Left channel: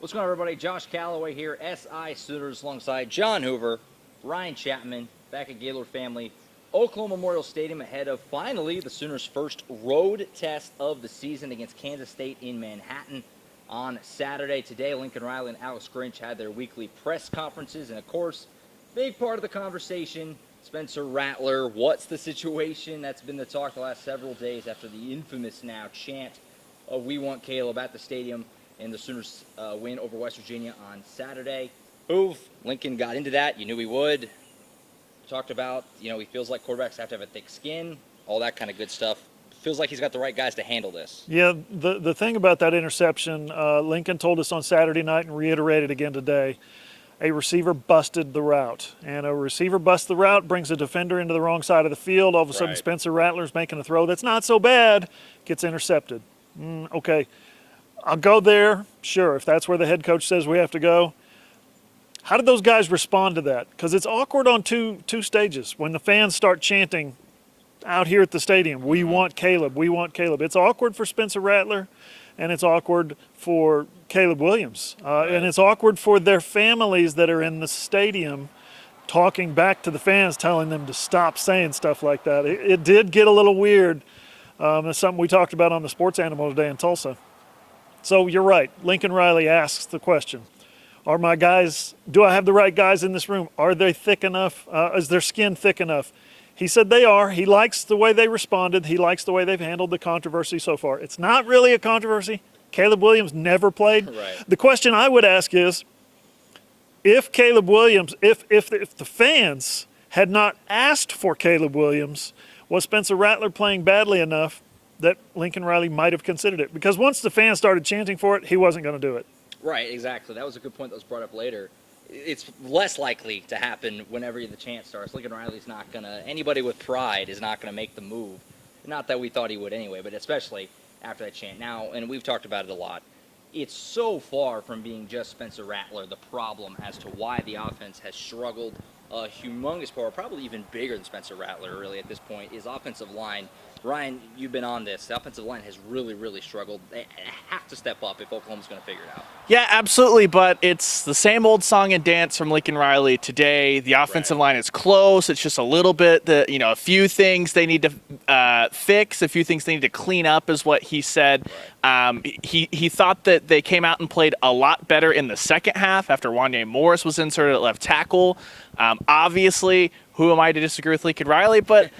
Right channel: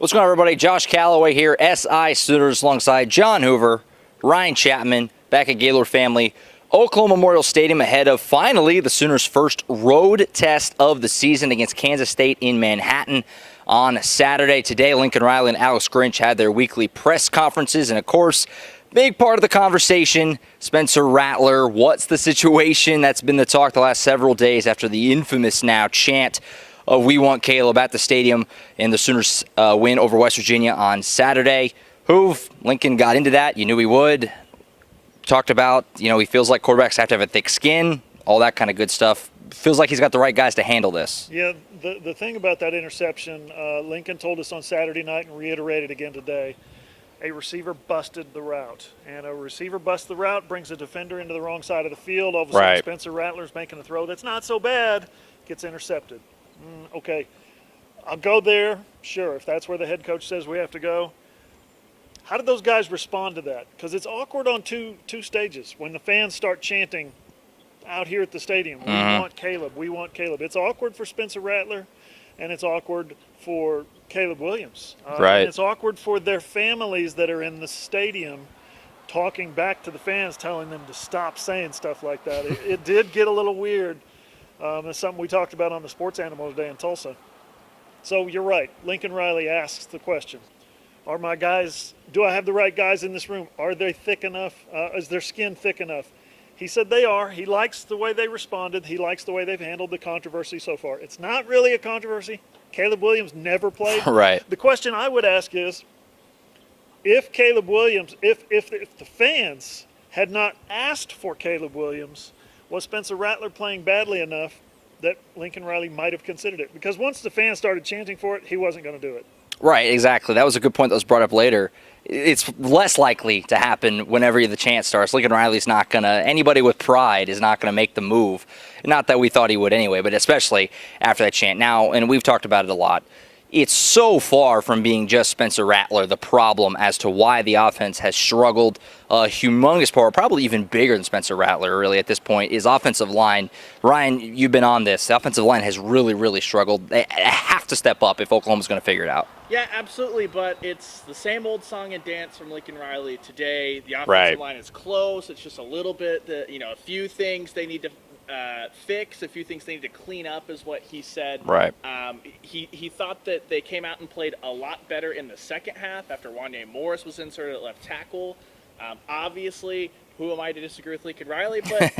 What's going on, everybody? Josh Callaway here, SI Sooners, alongside John Hoover, Ryan Chapman, back at Gaylord Family, Oklahoma Memorial Stadium, ahead of finally the Sooners' first road test of the season against Kansas State in Manhattan on Saturday. Today, Lincoln Riley and Alex Grinch had their weekly press conferences, and of course, big part of the conversation, Spencer Rattler. What's the situation? That's been the talk the last several days after the infamous now chant of "We Want Caleb" at the stadium and the Sooners win over West Virginia on Saturday. Lincoln got into that. You knew he would. Talked about, he feels like quarterbacks have to have a thick skin, all that kind of good stuff. Feels like he's got the right guys to handle this. Yeah, the thing about that interception, Lincoln told us on Saturday night and reiterated again today, a receiver busted the route. And a receiver busts the route, brings a defender into the wrong side of the field. All of a sudden, Spencer Rattler's making a throw that's not so bad, gets intercepted. Okay, I'll go there. Sure, if that's where the head coach says we have to go. How did those guys respond to that? Because it's awkward on two stages. When the fans start chanting out here at the stadium, "We want Caleb, we want Caleb." It's awkward for Spencer Rattler, and it's awkward for Caleb Williams. And it's awkward for their families that are in the stadium talking back to the fans, telling them to stop saying stuff like that. It did get a little weird. It's something we talked about on the Sports Animal today in Tulsa. So you're right. Lincoln Riley asks the question, are my guys, do I have the right guys in this room? Are they thick enough? Is their skin thick enough? He said they are. He likes the way they responded. He likes the way they've handled the controversy so far. It's not really a controversy. Caleb Williams never played. Right. The question I would ask is, if Caleb Williams, if the fans had not asked for Caleb Williams, was Spencer Rattler playing badly enough that Lincoln Riley might have considered it? Because once the fans started chanting for it, he wasn't going to do it. Right, exactly. That was a good point that was brought up later. It's less likely to happen whenever the chant starts. Lincoln Riley's not going to, anybody with pride is not going to make the move. Not that we thought he would anyway, but especially after that chant. Now, and we've talked about it a lot, it's so far from being just Spencer Rattler the problem as to why the offense has struggled. A humongous part, probably even bigger than Spencer Rattler really at this point, is offensive line. Ryan, you've been on this. The offensive line has really, really struggled. They have to step up if Oklahoma's going to figure it out. Yeah, absolutely, but it's the same old song and dance from Lincoln Riley today. The offensive line is close. It's just a little bit, a few things they need to fix, a few things they need to clean up is what he said. Right. He thought that they came out and played a lot better in the second half after Wanye Morris was inserted at left tackle. Obviously, who am I to disagree with Lincoln Riley? But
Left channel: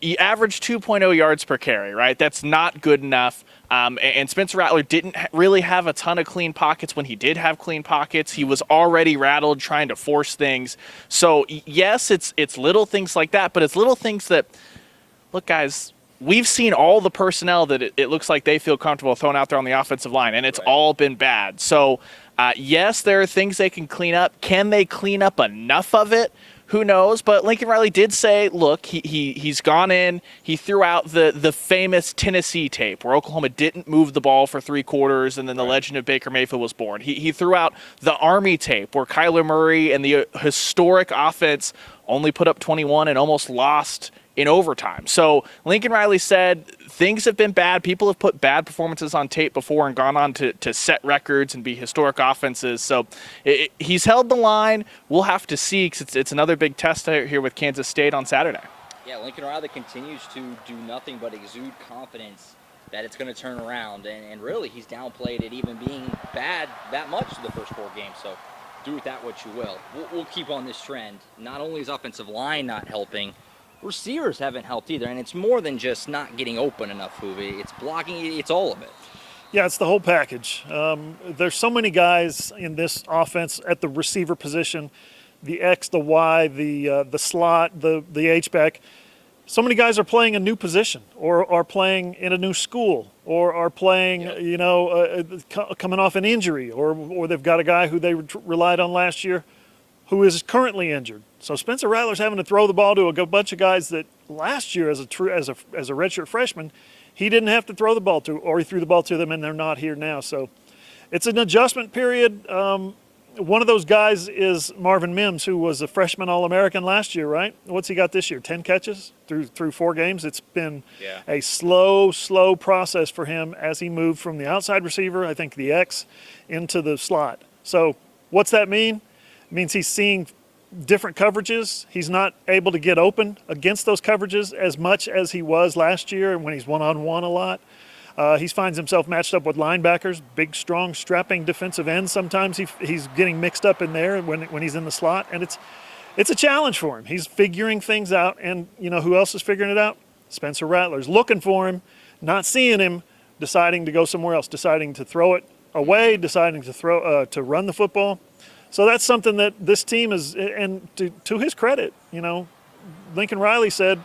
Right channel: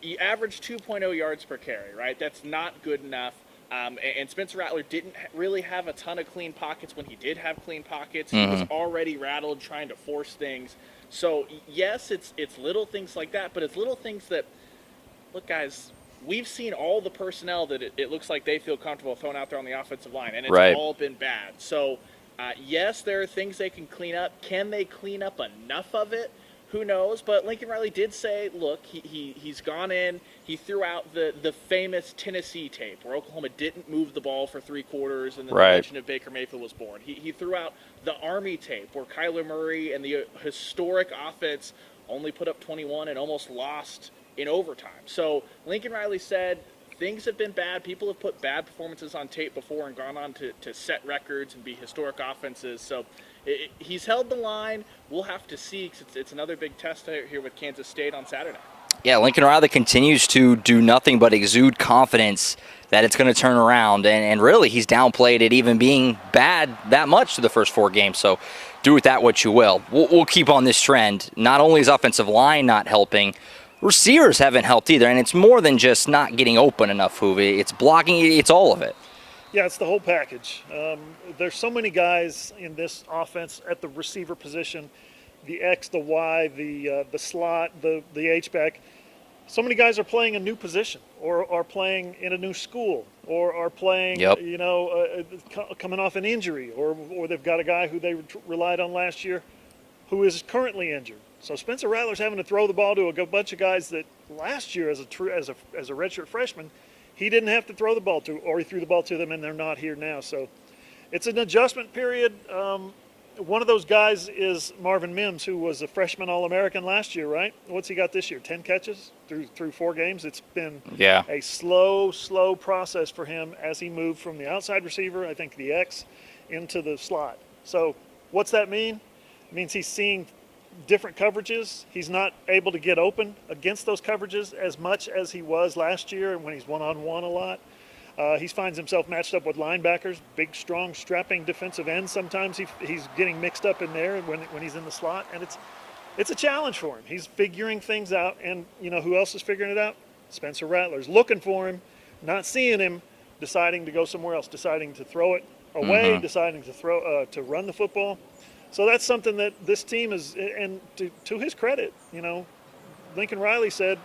he averaged 2.0 yards per carry, right? That's not good enough. And Spencer Rattler didn't really have a ton of clean pockets when he did have clean pockets. He was already rattled trying to force things. So, yes, it's little things like that, but it's little things that, look, guys, we've seen all the personnel that it looks like they feel comfortable throwing out there on the offensive line, and it's all been bad. So, yes, there are things they can clean up. Can they clean up enough of it? Who knows? But Lincoln Riley did say, look, he's gone in. He threw out the famous Tennessee tape where Oklahoma didn't move the ball for 3 quarters and then the legend of Baker Mayfield was born. He threw out the Army tape where Kyler Murray and the historic offense only put up 21 and almost lost in overtime. So Lincoln Riley said things have been bad. People have put bad performances on tape before and gone on to set records and be historic offenses. So he's held the line. We'll have to see because it's another big test here with Kansas State on Saturday. Yeah, Lincoln Riley continues to do nothing but exude confidence that it's going to turn around. And really, he's downplayed it even being bad that much to the first 4 games. So do with that what you will. We'll keep on this trend. Not only is offensive line not helping, receivers haven't helped either, and it's more than just not getting open enough, Hoovy. It's blocking, it's all of it. Yeah, it's the whole package. There's so many guys in this offense at the receiver position, the X, the Y, the slot, the H-back. So many guys are playing a new position or are playing in a new school or are playing, coming off an injury or they've got a guy who they relied on last year who is currently injured. So Spencer Rattler's having to throw the ball to a bunch of guys that last year as a redshirt freshman, he didn't have to throw the ball to, or he threw the ball to them and they're not here now. So it's an adjustment period. one of those guys is Marvin Mims, who was a freshman All-American last year, right? What's he got this year? 10 catches through 4 games. It's been a slow process for him as he moved from the outside receiver, I think the X, into the slot. So what's that mean? It means he's seeing different coverages. He's not able to get open against those coverages as much as he was last year when he's one-on-one a lot. He finds himself matched up with linebackers, big, strong, strapping defensive ends. Sometimes he's getting mixed up in there when he's in the slot, and it's a challenge for him. He's figuring things out, and you know who else is figuring it out? Spencer Rattler's looking for him, not seeing him, deciding to go somewhere else, deciding to throw it away, deciding to run the football. So that's something that this team is, and to his credit, you know, Lincoln Riley said,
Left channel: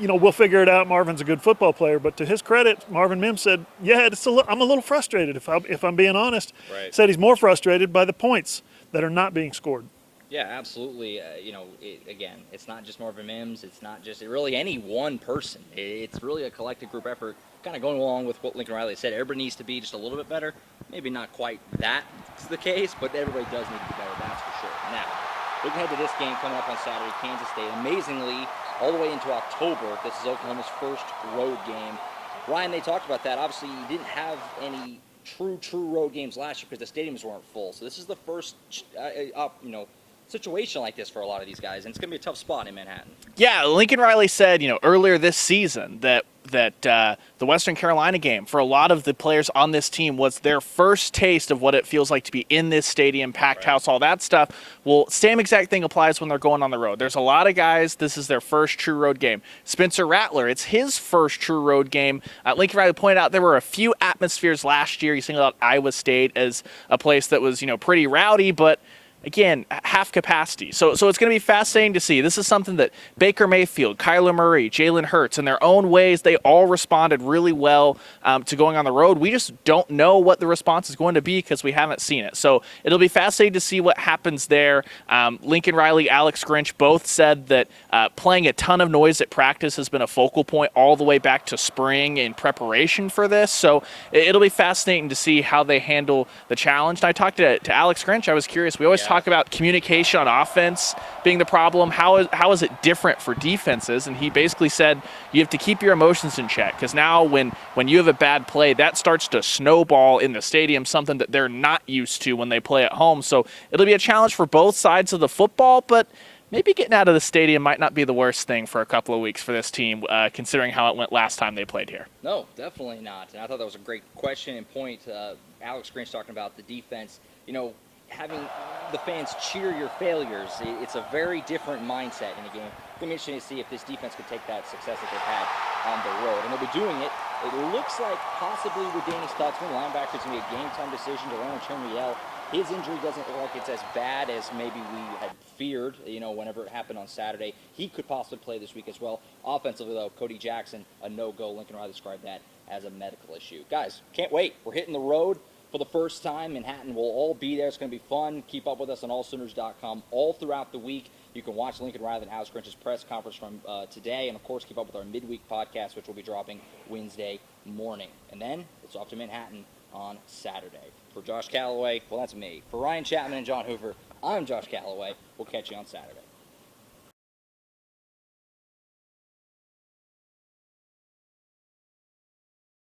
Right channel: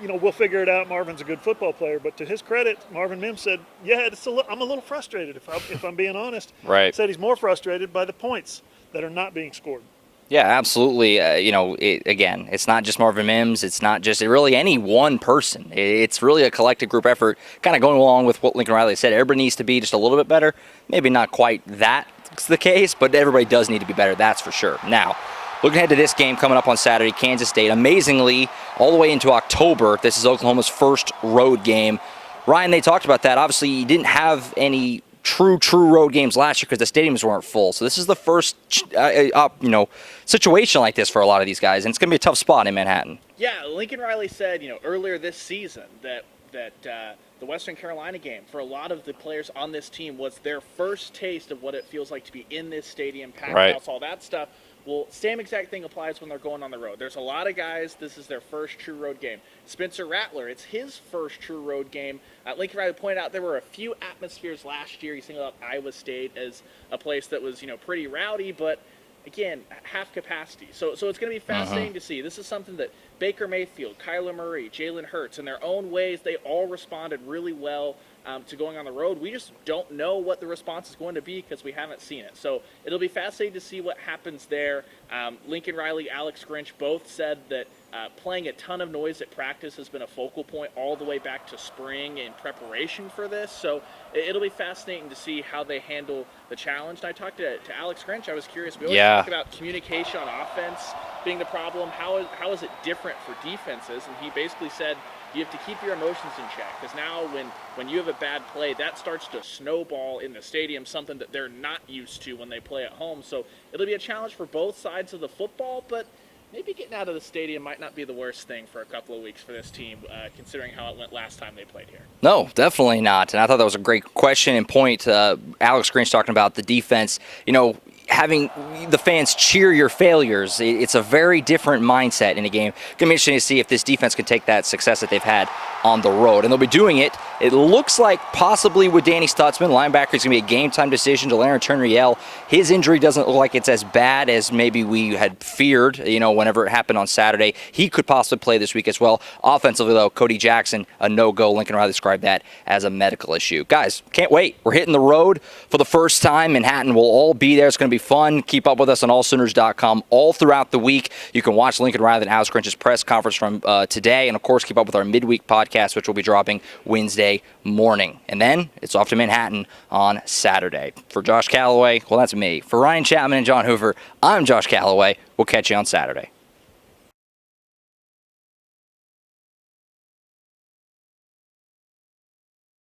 you know, we'll figure it out. Marvin's a good football player, but to his credit, Marvin Mims said, yeah, I'm a little frustrated if I'm being honest. Right. Said he's more frustrated by the points that are not being scored. Yeah, absolutely. You know, again, it's not just Marvin Mims. It's not just really any one person. It's really a collective group effort, kind of going along with what Lincoln Riley said. Everybody needs to be just a little bit better. Maybe not quite that's the case, but everybody does need to be better, that's for sure. Now, looking ahead to this game coming up on Saturday, Kansas State. Amazingly, all the way into October, this is Oklahoma's first road game. Ryan, they talked about that. Obviously, you didn't have any true road games last year because the stadiums weren't full. So this is the first, situation like this for a lot of these guys, and it's going to be a tough spot in Manhattan. Yeah, Lincoln Riley said, earlier this season that the Western Carolina game for a lot of the players on this team was their first taste of what it feels like to be in this stadium, packed house, all that stuff. Well, same exact thing applies when they're going on the road. There's a lot of guys, this is their first true road game. Spencer Rattler, it's his first true road game. Lincoln Riley pointed out there were a few atmospheres last year. He singled out Iowa State as a place that was, pretty rowdy, but again, half capacity. So it's going to be fascinating to see. This is something that Baker Mayfield, Kyler Murray, Jalen Hurts, in their own ways, they all responded really well to going on the road. We just don't know what the response is going to be because we haven't seen it. So it'll be fascinating to see what happens there. Lincoln Riley, Alex Grinch both said that playing a ton of noise at practice has been a focal point all the way back to spring in preparation for this. So it'll be fascinating to see how they handle the challenge. And I talked to Alex Grinch. I was curious. We always talk about communication on offense being the problem. How is it different for defenses? And he basically said you have to keep your emotions in check because now when you have a bad play, that starts to snowball in the stadium, something that they're not used to when they play at home. So it'll be a challenge for both sides of the football, but maybe getting out of the stadium might not be the worst thing for a couple of weeks for this team, considering how it went last time they played here. No, definitely not. And I thought that was a great question and point. Alex Grinch talking about the defense. Having the fans cheer your failures, it's a very different mindset in a game. It's going to be interesting to see if this defense can take that success that they've had on the road. And they'll be doing it, it looks like possibly with Danny Stutzman. Linebacker is going to be a game-time decision to Larry Turner-Yell. His injury doesn't look like it's as bad as maybe we had feared, whenever it happened on Saturday. He could possibly play this week as well. Offensively, though, Cody Jackson, a no-go. Lincoln Riley described that as a medical issue. Guys, can't wait. We're hitting the road for the first time. Manhattan will all be there. It's going to be fun. Keep up with us on allsooners.com all throughout the week. You can watch Lincoln Riley and Alex Grinch's press conference from today. And, of course, keep up with our midweek podcast, which will be dropping Wednesday morning. And then it's off to Manhattan on Saturday. For Josh Callaway, well, that's me. For Ryan Chapman and John Hoover, I'm Josh Callaway. We'll catch you on Saturday.